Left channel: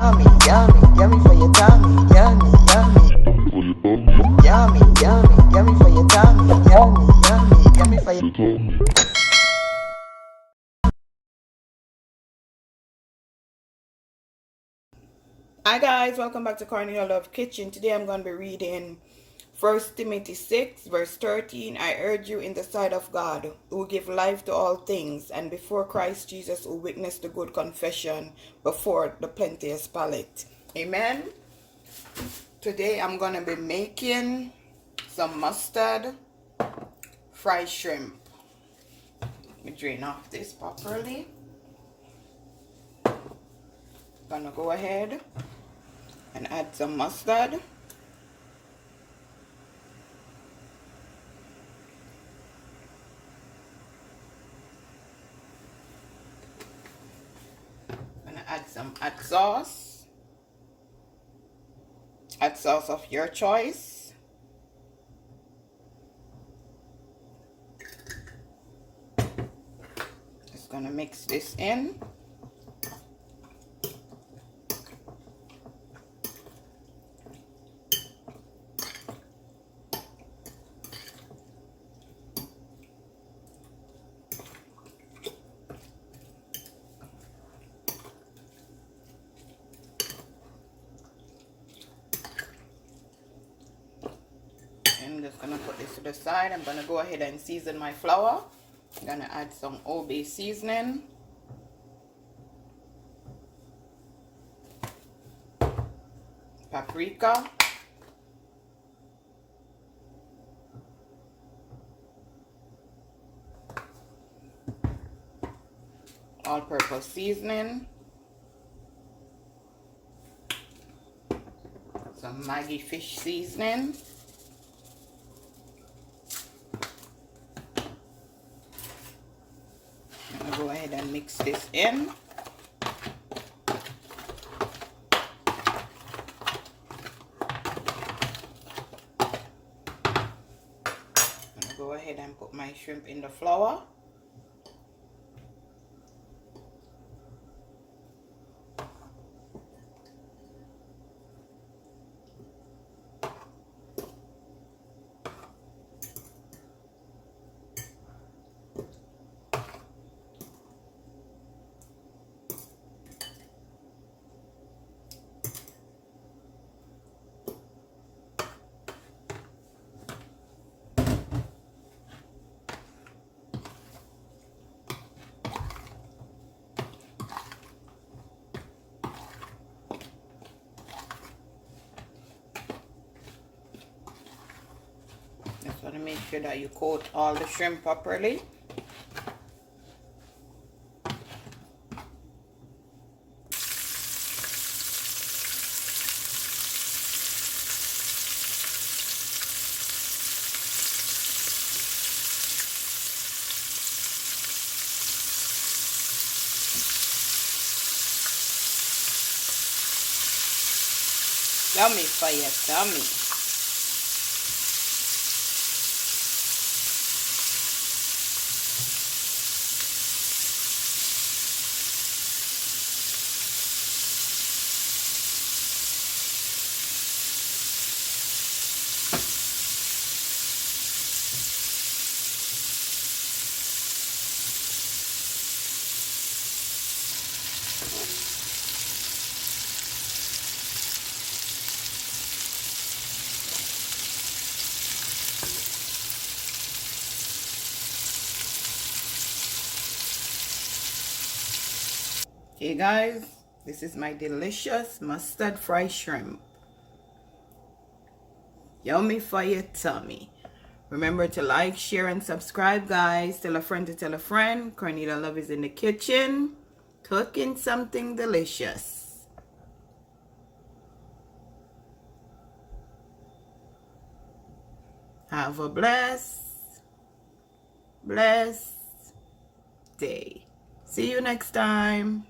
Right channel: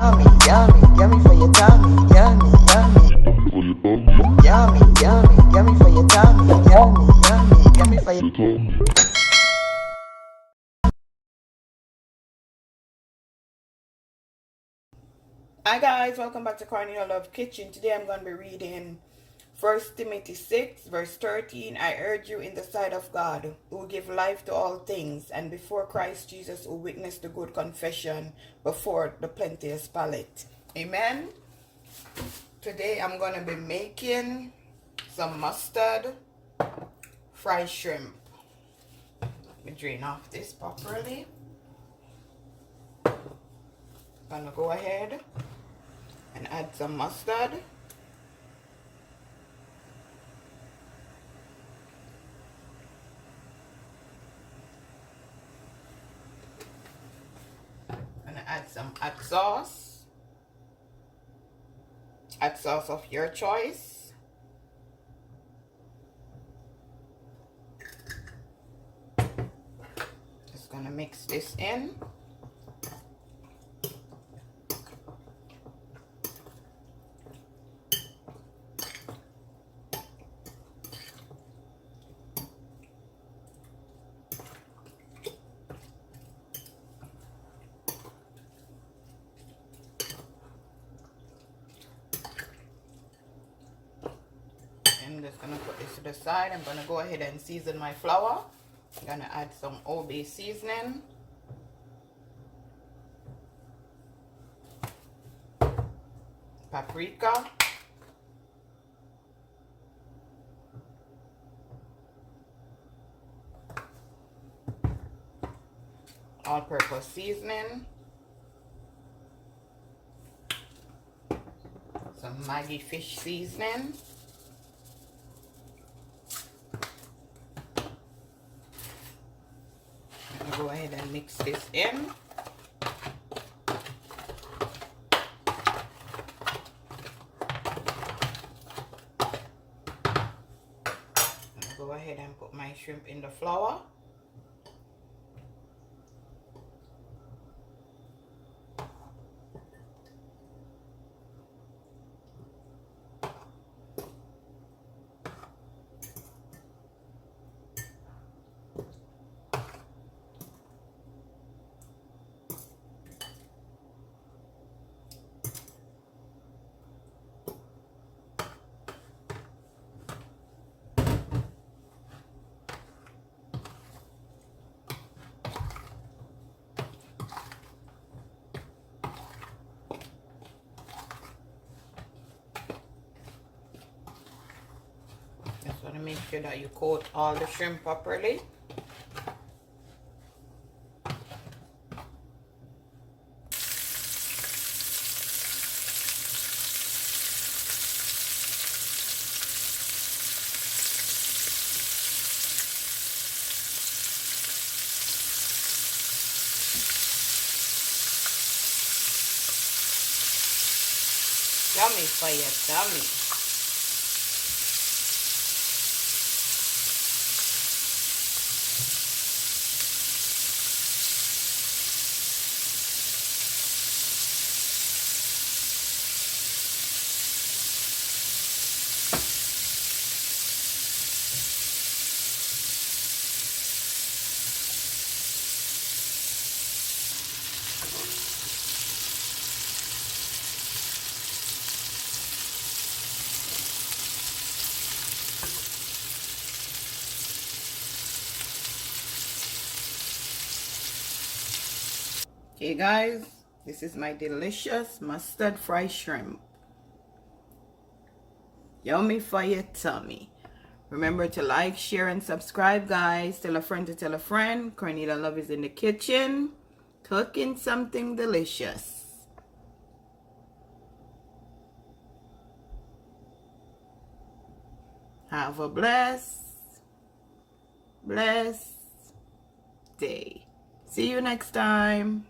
Yummy, yummy, yummy for your tummy. Yummy, yummy. Yummy, yummy, yummy for your tummy. Yummy, yummy, yummy for your tummy. Hi guys, welcome back to CORNELIALOVE KITCHEN. Today I'm going to be reading 1 Timothy 6 verse 13. I urge you in the sight of God, who give life to all things, and before Christ Jesus, who witnessed the good confession before the plenteous palate. Amen. Today I'm going to be making some mustard fried shrimp. Let me drain off this properly. I'm going to go ahead and add some mustard. I'm gonna add some hot sauce of your choice. Just gonna mix this in. I'm just gonna put this to the side. I'm gonna go ahead and season my flour. I'm gonna add some OB seasoning, paprika, all-purpose seasoning, some Maggie fish seasoning, go ahead and mix this in. Go ahead and put my shrimp in the flour. Just want to make sure that you coat all the shrimp properly. Yummy for your tummy. Okay guys, this is my delicious mustard fried shrimp. Yummy for your tummy. Remember to like, share, and subscribe, guys. Tell a friend to tell a friend. CORNELIALOVE is in the kitchen, cooking something delicious. Have a blessed day. See you next time.